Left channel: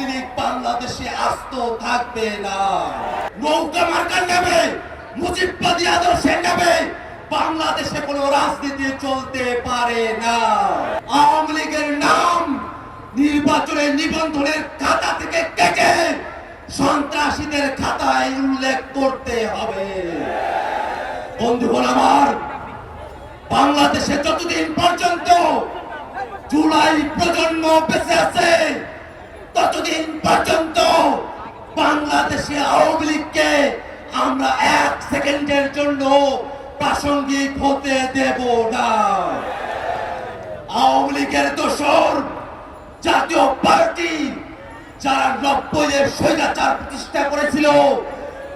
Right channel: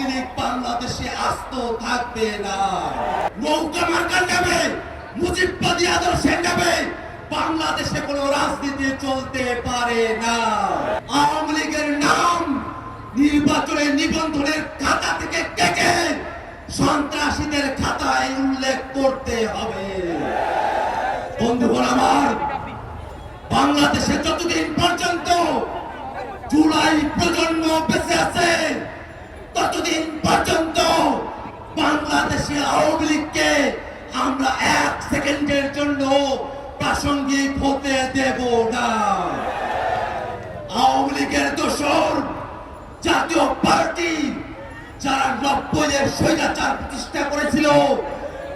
আওয়ামী বাংলাদেশে আস্ত থাকবে না। নৌকা মার্কার নামে মুজিববাদী আদর্শের নামে বাংলাদেশে কোনো রাজনীতি চলতে পারে না। আওয়ামী লীগের নাম নির্বাচনের নিবন্ধনের খাতা থেকে কেটে সন্ত্রাসীদের খাতায় উল্লেখ করতে হবে। বন্ধুগণ আমার, বাংলাদেশে যতদিন প্রাসঙ্গিক হতে দেব না। আওয়ামী লীগের দোষর জাতীয় পার্টি যারা নব্বইয়ের স্বৈরাচার প্রতিষ্ঠা করেছিল,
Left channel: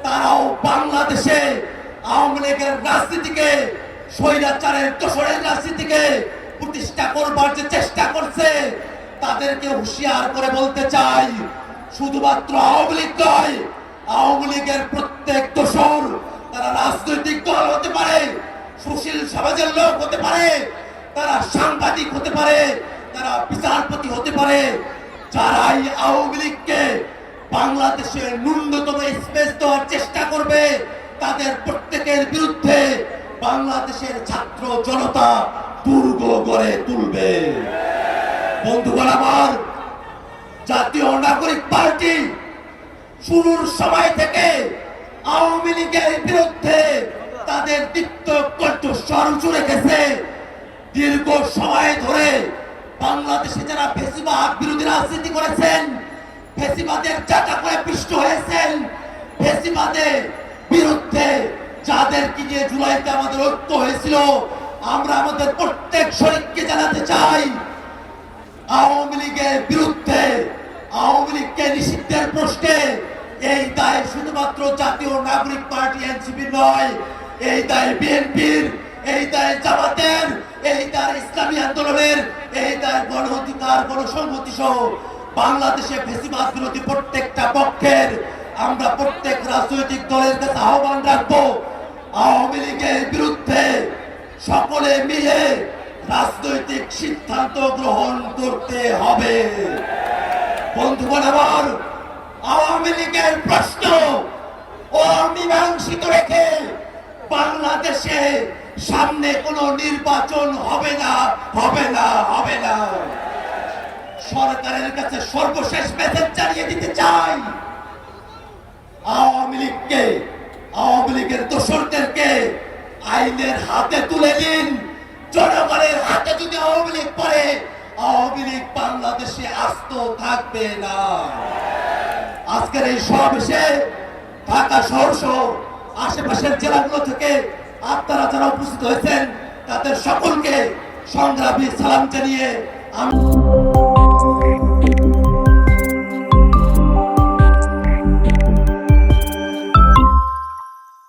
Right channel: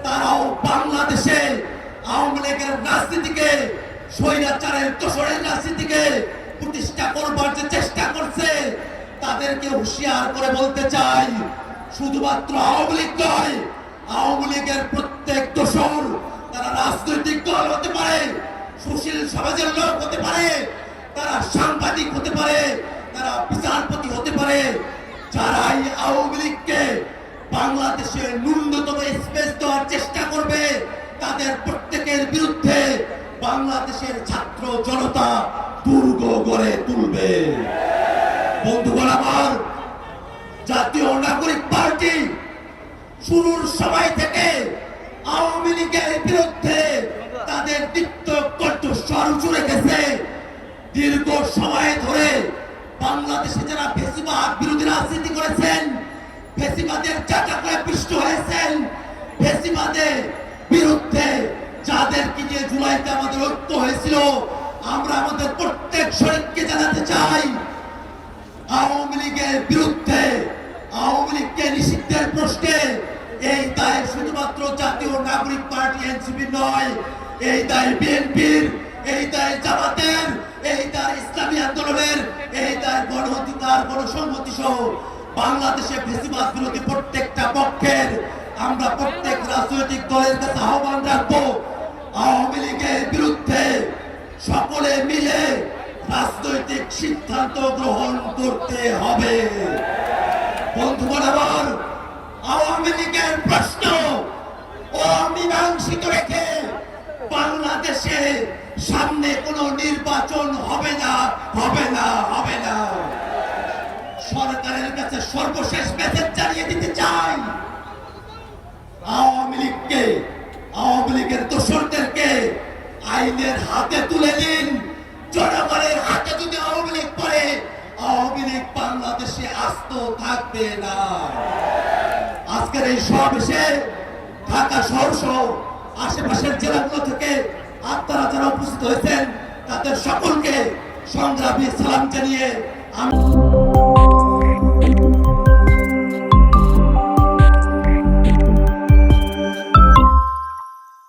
তারাও বাংলাদেশে আওয়ামী লীগের রাজনীতিকে, স্বৈরাচারের দোষরের রাজনীতিকে প্রতিষ্ঠা করবার যে চেষ্টা করছে, তাদেরকে হুঁশিয়ার করে বলতে চাই, শুধুমাত্র আওয়ামী লীগ নয় সমাজের হতে পারে, তারা সাংবাদিক হতে পারে, তারা বিচারপতি হতে পারে, যারাই আওয়ামী লীগকে বাংলাদেশে ন্যূনতম স্পেস দেওয়ার চেষ্টা করবে, তাদের প্রত্যেকের বিরুদ্ধে বাংলাদেশের ছাত্র জনতা দুর্গ গড়ে তুলবে। বন্ধুগণ আমার, জাতীয় নাগরিক পার্টি শুরুর সময় থেকে আওয়ামী লীগের বিরুদ্ধে দীপ্ত কণ্ঠস্বর দীর্ঘ সময় ধরে বাংলাদেশে যারা ফেসিবাদ বিরোধী রাজনীতি করেছেন ফেসিবাদের চাকা করে পিষ্ট হয়েছেন ফেসিবাদের বিরুদ্ধে যাদেরকে নিয়ে জুলাইতে আমাদের ঐক্য হয়েছিল, আমরা আমাদের প্রত্যেক শরীরকে জানাতে চাই, আওয়ামী লীগের বিরুদ্ধে, আওয়ামী লীগকে নিষিদ্ধের প্রশ্নে এই দায় শুধুমাত্র জাতীয় নাগরিক পার্টি, এনসিপি নয় এই দায় বিএনপির, এই দায় জামাতের, এই দায় ইসলামী আন্দোলনের, এই দায় গণ অধিকার গণসংহতি সহ বাংলাদেশে ফেসিবাদ বিরোধী প্রত্যেকটা পক্ষের আমরা প্রত্যেক রাজনৈতিক দলের কাছে আহ্বান রাখব। আওয়ামী লীগের বিরুদ্ধে সকলে মিলে রাজনৈতিক সিদ্ধান্ত গ্রহণ করতে হবে। বন্ধুগণ আমার আওয়ামী লীগের প্রশ্ন অমীমাংসিত রেখে বাংলাদেশে সামনে কোনো নির্বাচন হবে না হবে না হবে না। সরকারের কাছে সর্বশেষ মেসেজ জানিয়ে দিতে চাই। আওয়ামী লীগকে, আওয়ামী লীগের দোসরদেরকে আইনের হাতে তুলে দিন। জনগণের হাতে যদি আওয়ামী লীগ পড়ে, আওয়ামী লীগ বাংলাদেশে আস্ত থাকবে না। আজকের এই সমাবেশে ঢাকা শহর আশেপাশের জেলাগুলো থেকে আপনারা যারা উপস্থিত হয়েছেন তাদের সকলকে সংগ্রামী সালাম জানিয়ে আমি